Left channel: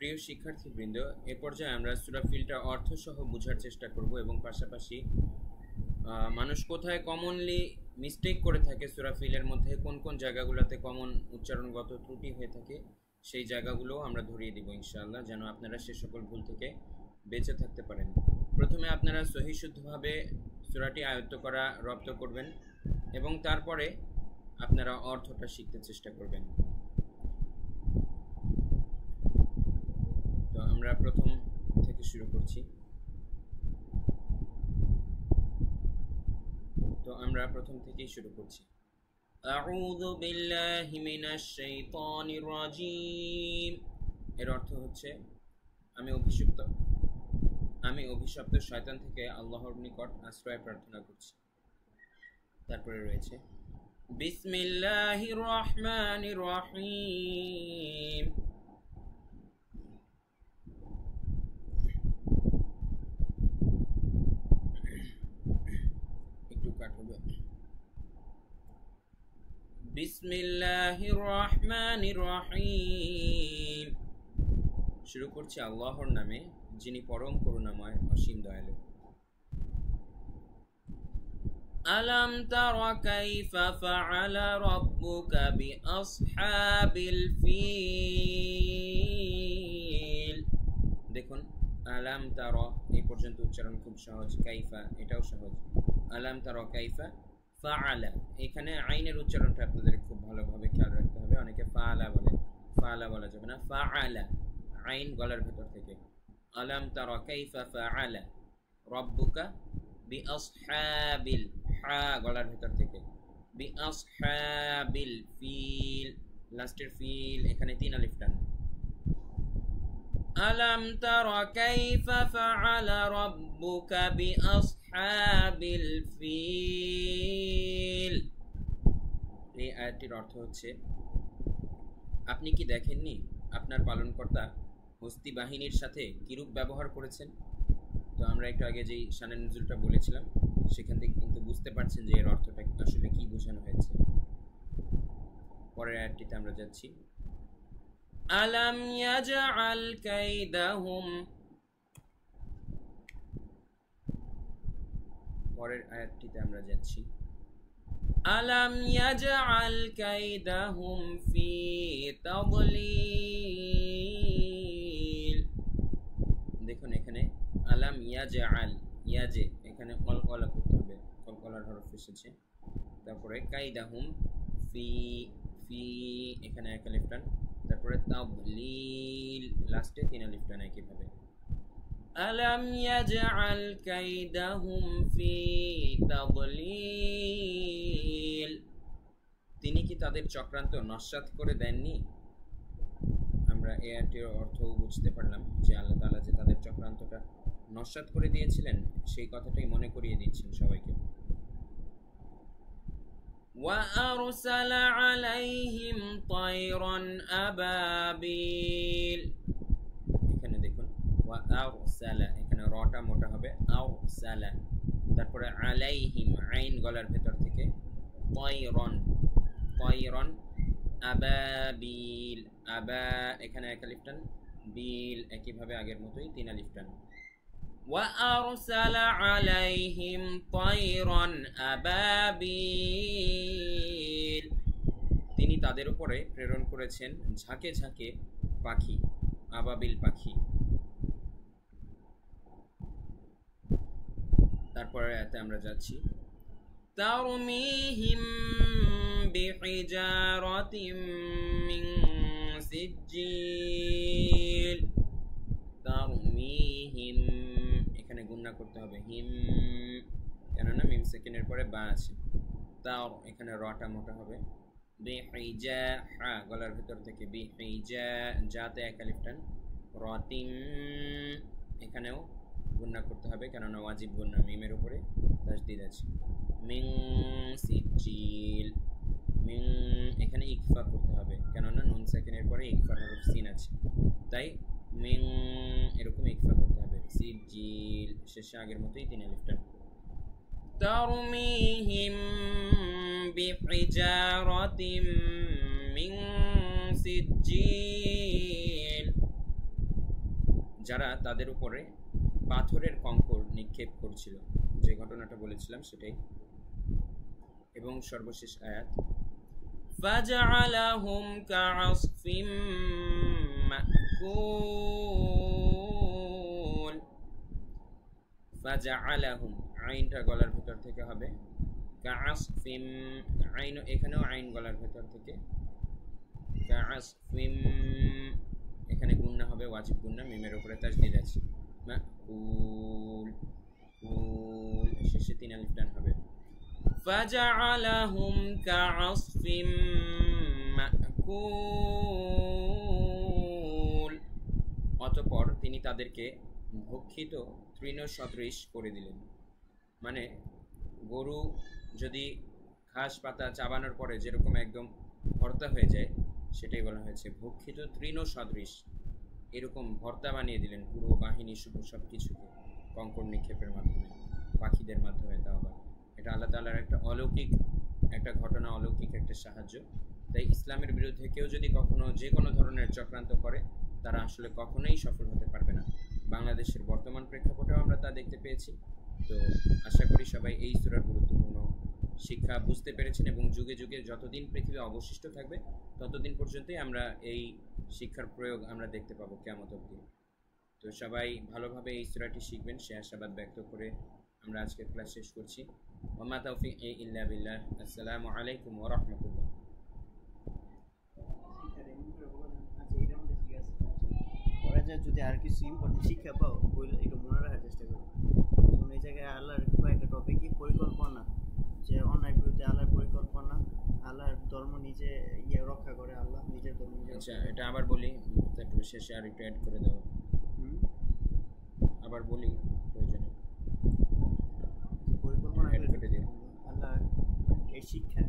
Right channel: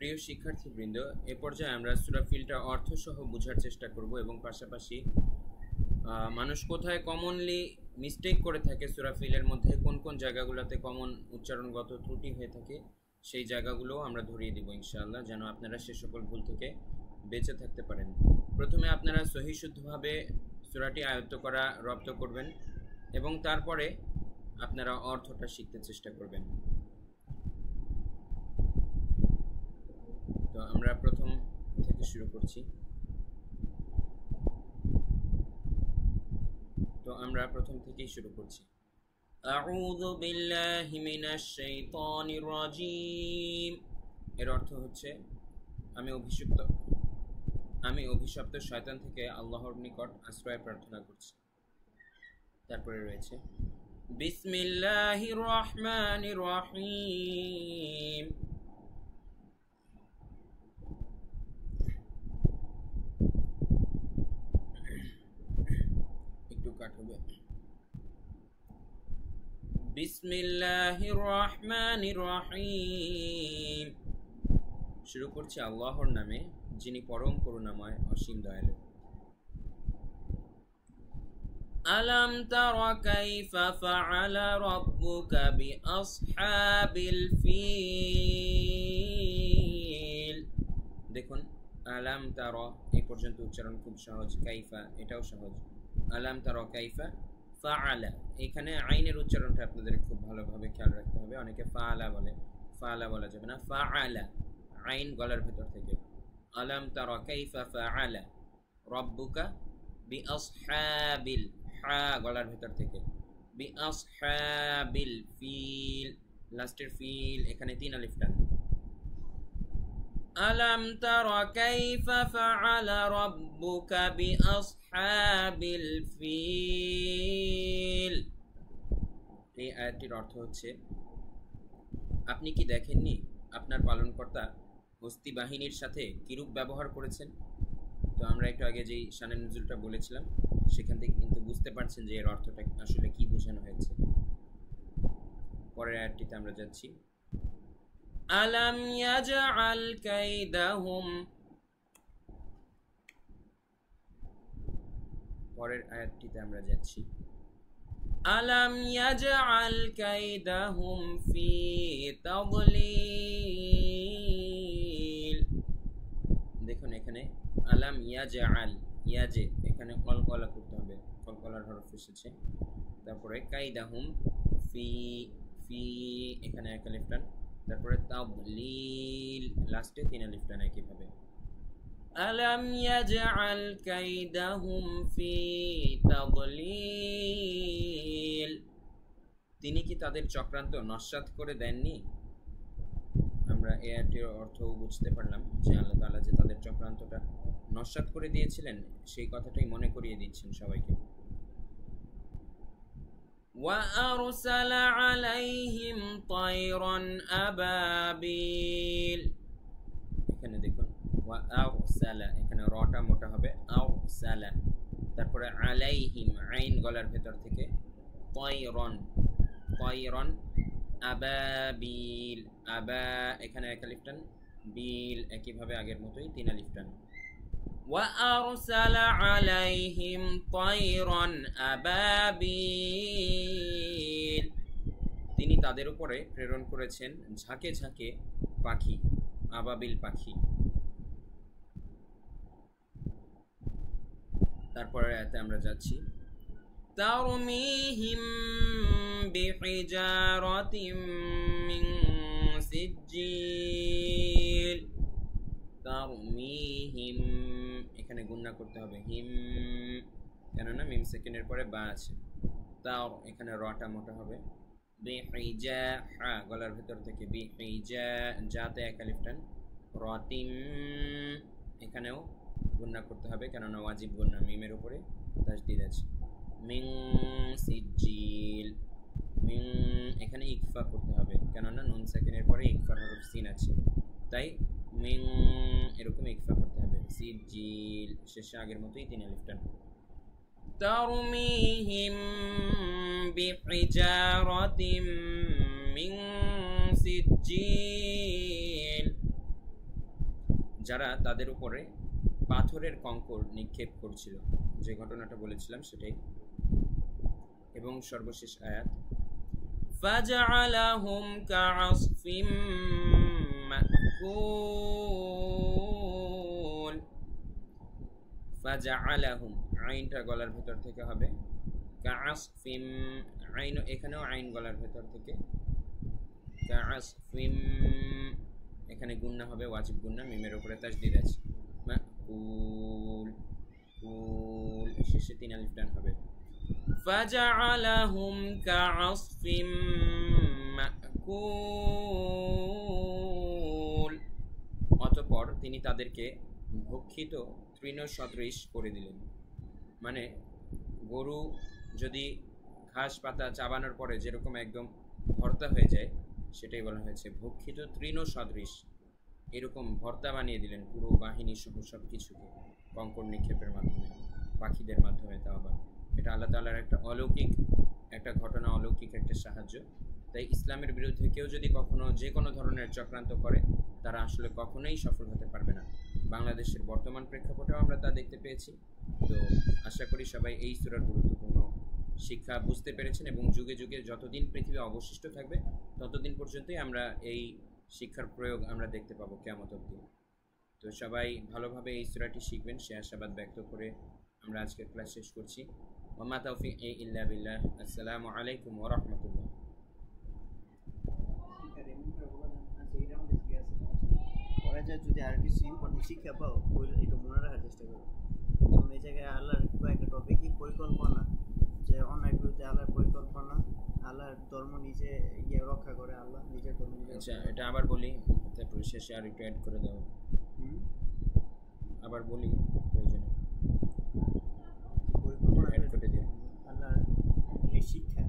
প্রিয় শিক্ষার্থীবৃন্দ, এ পর্যায়ে আমরা সূরা ফিলটা অর্থসহ বোঝার চেষ্টা করব এবং পাশাপাশি মানুষ কোথায় কমনলি মিস্টেক করে থাকে, সূরা ফিলের মধ্যে কোন কোন জায়গাগুলোতে কমন উচ্চারণগত ত্রুটি হয়ে থাকে সেই জায়গাগুলোও আমরা ধরিয়ে দিব ইনশাআল্লাহ, যেন আপনারা সে সকল ভুল থেকে বেঁচে থাকতে পারেন। প্রথমে আপনারা সহিশুদ্ধভাবে সূরাটি আয়ত্ত করা রপ্ত করবেন এবং তারপরে আপনারা অর্থটা শিখতে চেষ্টা করবেন। তো আমরা প্রথম থেকে শুরু করছি। আউযু বিল্লাহি মিনাশ শাইতানির রাজীম। এর অর্থ হচ্ছে আমি অভিশপ্ত শয়তান থেকে আল্লাহর নিকট আশ্রয় প্রার্থনা করছি। তারপরে রয়েছে বিসমিল্লাহির রহমানির রহিম। একটু কাট হবে। বিসমিল্লাহির রহমানির রহিম। শুরু করছি আল্লাহর নামে, যিনি পরম করুণাময় অসীম দয়ালু। আলাম তারা কাইফা ফাআলা রাব্বুকা বিআসহাবিল ফিল। দেখুন, আলাম তারা এই পর্যন্ত উচ্চারণ খুব সহজ, কাইফা এটাও সহজ। আলাম তারা কাইফা ফাআলা, এখানে আইনের উচ্চারণটা আপনাদের খুব ভালোভাবে খেয়াল রাখতে হবে। অনেকে ফাআলা বলে, ফাআলা বলা যাবে না, ফাআলা, আইন গলার ভেতর থেকে। আলাম তারা কাইফা ফাআলা রাব্বুকা বিআসহাবিল, হা গলার ভেতর থেকে, বিআসহাবিল ফিল, লাস্টের ফিল এখানে 3 আলিফ টান। আলাম তারা কাইফা ফাআলা রাব্বুকা বিআসহাবিল ফিল। এই আয়াতটির অর্থ হচ্ছে, আপনি কি দেখেননি আপনার পালনকর্তা হস্তি বাহিনীর সাথে কিরূপ ব্যবহার করেছেন? তো আমরা একটু আগে যেই শানে নুজুলটা বলেছিলাম সেখান থেকে কিন্তু বুঝতে পারছেন যে এর অর্থটা আসলে কি বোঝানো হয়েছে। পরের আয়াতটিতে আমরা যাচ্ছি। আলাম ইয়াজআল কাইদাহুম, পরের আয়াতটিতে আমরা যাচ্ছি। আলাম ইয়াজআল কাইদাহুম ফি তাদলিল। দেখুন এখানে আলাম ইয়াজআল, ইয়াজে এখানে কলকলা করতে হবে, কলকলার হরফ এসেছে। তারপরে কাইদাহুম ফি, ফি এখানে 1 আলিফ টান। তারপরে তাদলিল, লাস্টে 3 আলিফ টান একইভাবে। আলাম ইয়াজআল কাইদাহুম ফি তাদলিল, তিনি কি তাদের চক্রান্ত নস্যাৎ করে দেননি? আমরা এই আয়াতের অর্থও বুঝতে পারলাম যে আল্লাহ তাআলা যে তাদের চক্রান্তটা নস্যাৎ করে দিয়েছিলেন সেই কথাটাই মনে করিয়ে দিচ্ছেন সবাইকে। ওয়া আরসালা আলাইহিম তায়রান আবাবিল, এখানে দেখুন ওয়া আরসালা, এখানে রটা মোটা হবে, আরসালা। তারপরে আলাইহিম, আইন গলার ভেতর থেকে, তায়রান, তায়রান আবাবিল, আবা এখানে 1 আলিফ টান, বিল একইভাবে আগের মতোই 3 আলিফ টান। ওয়া আরসালা আলাইহিম তায়রান আবাবিল, তিনি তাদের উপরে প্রেরণ করেছেন ঝাঁকে ঝাঁকে পাখি, আবাবিল পাখি। তারপরে আয়াতে আমরা যাচ্ছি। তারমিহিম বিহিজারাতিম মিন সিজ্জিল, তারমিহিম এখানে গুণনা করতে হবে হিম, কেননা মিম সেকেন্ডের পরে বা আছে। তার এখানে রটা মোটা হবে, বিহিজা হা গলার ভেতর থেকে বিহিজা যাতে এক আলিফ টান রাতিম এখানেও গুণনা করতে হবে কেননা ওয়াজিব গুণনা মিমের উপরে তাসদিদ আছে মিন সিজিল মিন এখানে ইকফা করতে হবে কেননা নুন সাকিনের পরে ইকফার হরফ সিন আছে তাই মিন এরকম ইকফা করতে হবে সিজিল শেষে আগের মতোই তিন আলিফ টান ترميهم بحجارة من سجيل যারা তাদের উপরে পাথরের কঙ্কর নিক্ষেপ করছিল যে ঘটনাটা বলেছিলাম সেটাই এবং সর্বশেষ আয়াত فجعلهم كعصف مأكول فجعلهم আইনটা গলার ভেতর থেকে হবে কাআসফিম আইন এখানেও আইন গলার ভেতর থেকে কাআসফিম এখানে গুণনা হবে ওয়াজিব গুণনা মিমের উপরে তাসদিদ আছে মাকুল কুল শেষে তিন আলিফ টান হবে ফাজআলাহুম কাআসফিম মাকুল অতঃপর তিনি তাদেরকে ভক্ষিত তৃণ সদৃশ করে দিলেন মানে গরু যদি ঘাস পাতা চাবানোর পরে যেরকম একদম ভর্তা হয়ে যায় সেটাই বলা হয়েছে ভক্ষিত তৃণ সদৃশ এরকম ভর্তা বানিয়ে দিলেন পুরো বাহিনী সহ সব কিছুকে কঙ্কর নিক্ষেপের মাধ্যমে পাখিদের মাধ্যমে তাও আবার এটা আল্লাহ তাআলার একটা অলৌকিক একটা ঘটনা অলৌকিক একটা সাহায্য তাই ইসলামের বিরুদ্ধে কেউ যদি কখনো যে কোনো ধরনের চক্রান্ত করে তারা আসলে কখনোই সফল হতে পারবে না বাংলাদেশের বর্তমান প্রেক্ষাপটেও আমরা তা দেখতে পেয়েছি তো আশা করি সবাই এই সূরার গুরুত্বপূর্ণ শিক্ষা বুঝতে পেরেছেন এবং যুগে যুগে যতদিন পৃথিবী অবশিষ্ট থাকবে ততদিন পর্যন্তই আমরা এই শিক্ষার প্রয়োগ আমরা দেখতে পাবো কিয়ামত অবধি তো সবাই ভালোভাবে এই সূরাটি শিখবেন সে আশাবাদ ব্যক্ত করে আমরা আজকের ক্লাস শেষ করছি ওয়া মা তাওফিক ইল্লা বিল্লাহ আসসালামু আলাইকুম ওয়া রাহমাতুল্লাহ ওরা যে যদি আর কিছু ইম্পর্টেন্ট শিক্ষা পাও ওই এটা মনে রাখার চেষ্টা করো কারণ এই জায়গায় আল্লাহর কয়েকটা টপিকই পরিকল্পনা যে অন্যায় বিরুদ্ধে আল্লাহর পরিকল্পনা আল্লাহর ধর্ম নিজে রক্ষা করে আল্লাহ নিজের ধর্ম নিজে আচ্ছা এটা আবার বলি তারপরে শেষে আর একটু অ্যাড করে দাও আবার বলি প্রয়োজনে পরিকল্পনা অ্যাড করে দিও আল্লাহ এই শিক্ষা